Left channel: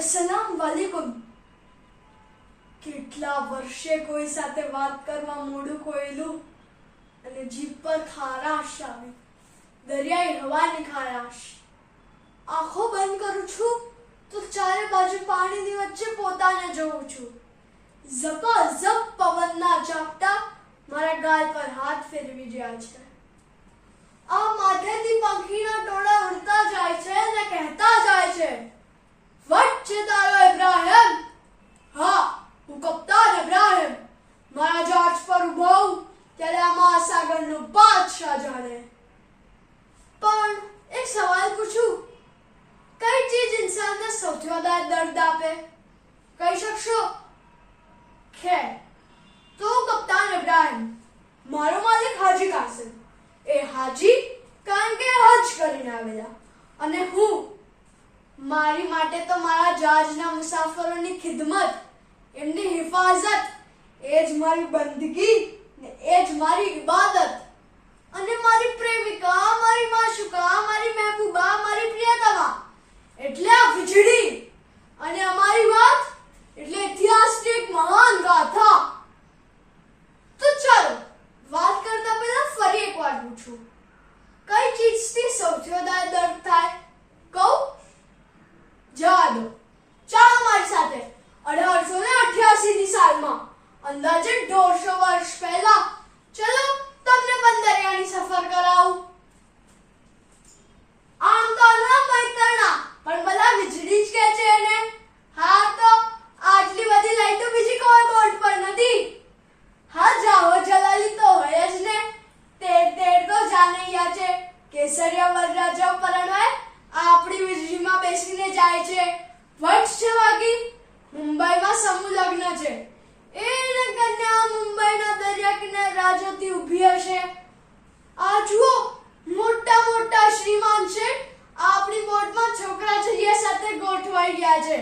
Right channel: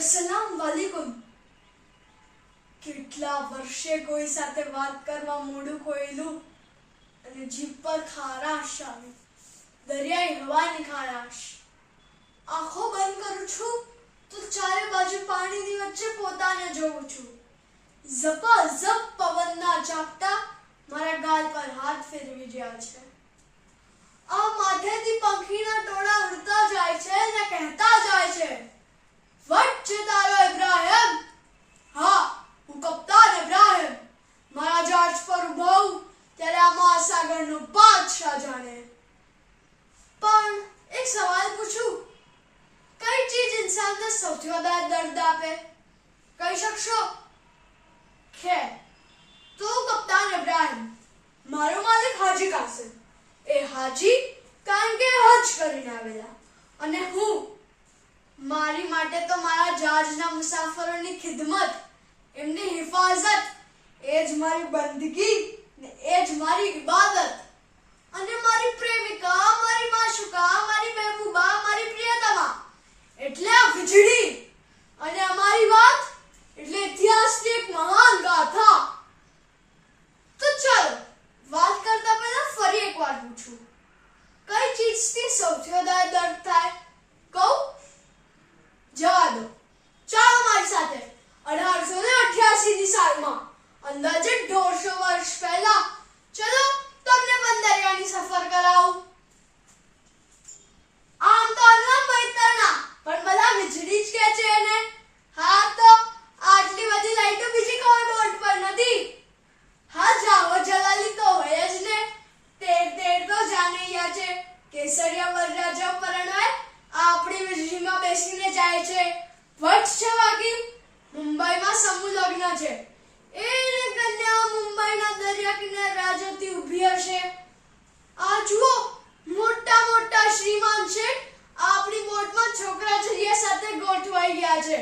અસલામ વાલેકુમ. કેટલા વર્ષે કોઈ સાથે વાત કરવા મોઢું ખોયેલું અને જીભ પર ખારાશ આવી દરિયાઈ હવાની ખારાશ આંખો બંધ કરું છું તો ચારે બાજુ પાણીની વચ્ચે પોતાને જોઉં છું. ઝપાઝપ પવનના ઝાપટા મારા ગાલ પર હાથ ફેરવી રહ્યા છે. આ માથેથી પંખીના ટોળા ઉડતા જાય છે અને કહેતા જાય છે વટ છે તારો ઇબ્રાહિમ હા હું કપ્તાન ઇબ્રાહિમ મારા જહાજ પર ઊભો હોઉં ત્યારે આ મહાસાગરનો બાદશાહ જાણે પણ એક સવાલ પૂછું કઈ ચીજ ઇન્સાનને સૌથી વધારે દર્દ આપે? કહી શકશો? ખેર. તો કપ્તાન ઇબ્રાહિમ. મારો માલિક હાજી કાસિમ. એ હાજી કારણ કે હજ કરીને આવેલા. અને હું, મારી માટે તો મારા જહાજના મુસાફરોની ખિદમત, એમની હિફાજત એ જ મારી બંદગી ને એ જ મારી ઇબાદત. અને મારી પ્રેમિકા, મારી માશુકા મારી મહેબૂબા મારી પ્રિયતમા એટલે આ વીજળી અને અમારી વાત એટલે ઇતિહાસની એક મહાન ગાથા તો ચાલો વાત કરતા પહેલા ફરી એકવાર પૂછું કઈ ચીજથી સૌથી વધારે દર્દ થાય કહું જવા દો ચાલો મારી સાથે અઢારસો ને અઠ્યાસી ની સાલમાં અંદાજે દોઢસો વર્ષ પહેલા ચલો તમને પણ દરિયાની સફર કરાવું આમ તો અલગ બૈતરણા પણ બધા વીજળી જ કે છે એને હા તો આટલી બધી લાઈટો બીજી કોઈ બોર્ડ પર નથી હા જાઓ જલાલી તો હોય જ ને તેર તેર તો જાનૈયા છે કેસરિયા વરરાજા પરણવાય આપણી વીજળીમાં બેસીને જાય છે. વટ છે વાગી? મુંબઈમાં સમૂહ લગ્ન છે. એને કન્યા મુંબઈના દરિયા કિનારે રાજોથી ઊભી હશે. આ જુઓ, મોટા મોટા શ્રીમાન છે. આપણી બોટમાં છોકરા જઈએ સાથે ગોઠવાઈ ગયા છે.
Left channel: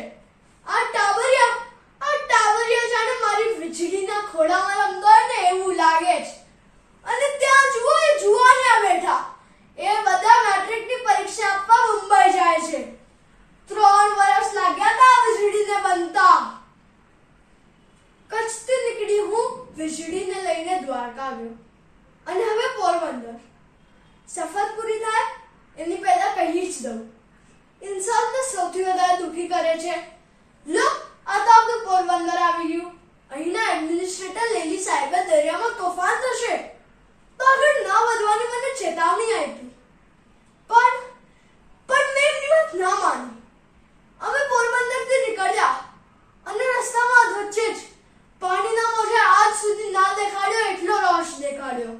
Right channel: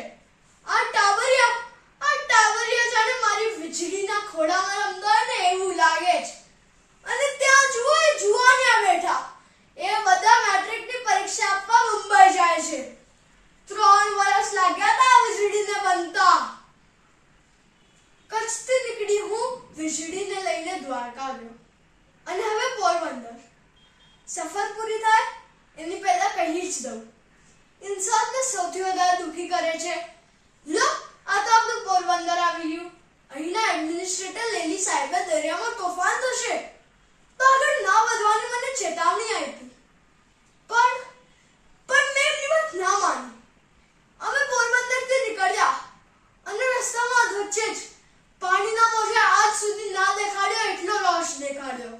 આ ટાવરિયા આ ટાવરિયા જાણે મારી વીજળીના ખોળામાં રમતો હોય ને એવું લાગે છે અને ત્યાં જુઓ એ જુવાનિયા બેઠા એ બધા મેટ્રિકની પરીક્ષા આપવા મુંબઈ જાય છે ત્રણ વર્ષ લાગ્યા હતા આ વીજળીને બનતા કચ્છથી નીકળી હું વીજળીને લઈને દ્વારકા આવ્યો અને હવે પોરબંદર સફર પૂરી થાય કહી જ દઉં ઇન્સાનને સૌથી વધારે દુખી કરે છે લો આ તો આપણું પોરબંદર આવી ગયું અહીંના એડમિનિસ્ટ્રેટર લેલી સાહેબે દરિયામાં તોફાન થશે તો આગળ ના વધવાની મને ચેતવણી આપી પણ પણ મેં એમની વાત ના માની અમે પોરબંદરથી નીકળ્યા અને રસ્તામાં વચ્ચે જ પાણીના મોજે આજ સુધી ના દેખાડ્યો એટલો રોશ દેખાડ્યો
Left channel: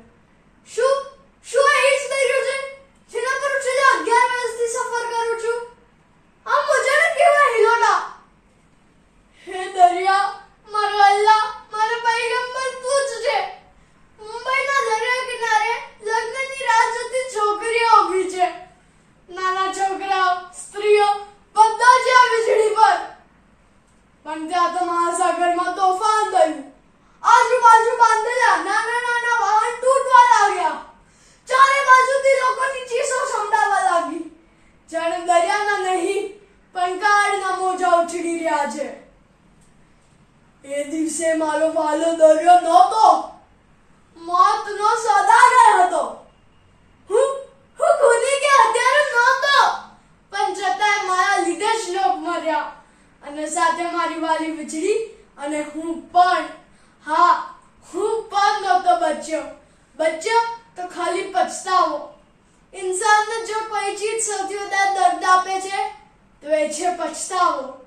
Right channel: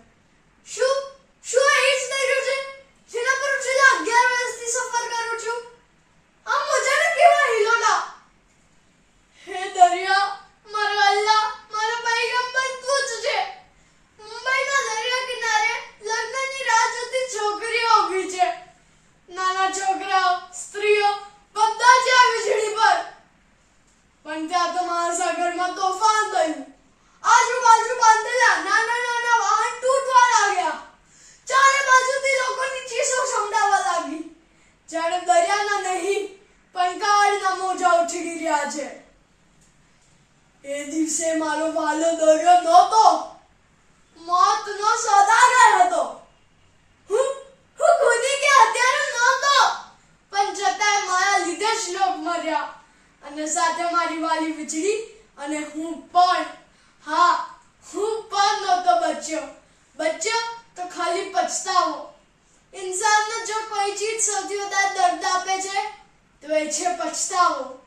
શું શું આ એ જ દરિયો છે જેના પર હું છેલ્લા અગિયાર વર્ષથી સફર કરું છું આ મોજાના કેવા હિલોડા હે દરિયા મારો અલ્લાહ મારો પૈગંબર તું જ છે મુંબઈના દરિયા કિનારે લગ્નની રાહ જોતી છોકરીઓ ઊભી છે નાના છોકરાઓ સ્ત્રીઓ બધા જ આ વીજળી પર પણ ત્યાં તો મહાસાગરમાં તોફાન થયું આજુબાજુ બાંધેલા નાના નાના વાહન તૂટવા લાગ્યા ચારે બાજુથી લોકોની ચીસો સંભળાવા લાગી જાણે દરિયાના નહીં, પણ કાળના મોજા ઉછળી રહ્યા છે. એ દિવસે મારો વાલો દરિયો નહોતો. મોતનો સદાગર હતો. હું હું ખુદી કે અત્યારે નહોતો, પણ છતાંય મારા લીધે જ લોક મર્યા. અને સાથે મારી વાલી વીજળી, અને હું પણ, હા, હું પણ નહોતો બચ્યો. બચ્યો તો ખાલી પછતાવો. કોઈ સૌથી વધારે દર્દ આપે છે? તો એ છે પછતાવો.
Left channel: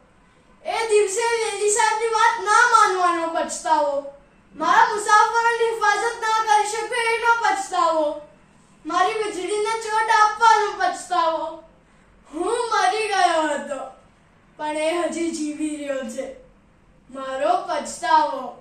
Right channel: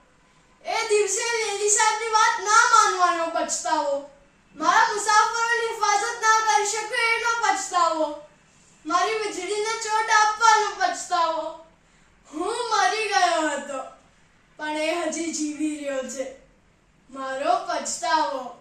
એ દિવસે લેલી સાહેબની વાત ના માનવાનો પછતાવો. મારા મુસાફરોની હિફાજત ના કરી શકે એનો પછતાવો. મારી વીજળીને ચોટ આપવાનો પછતાવો. હું મરી ગયો હતો. પણ એ હજી જીવી રહ્યો છે. મારો પછતાવો.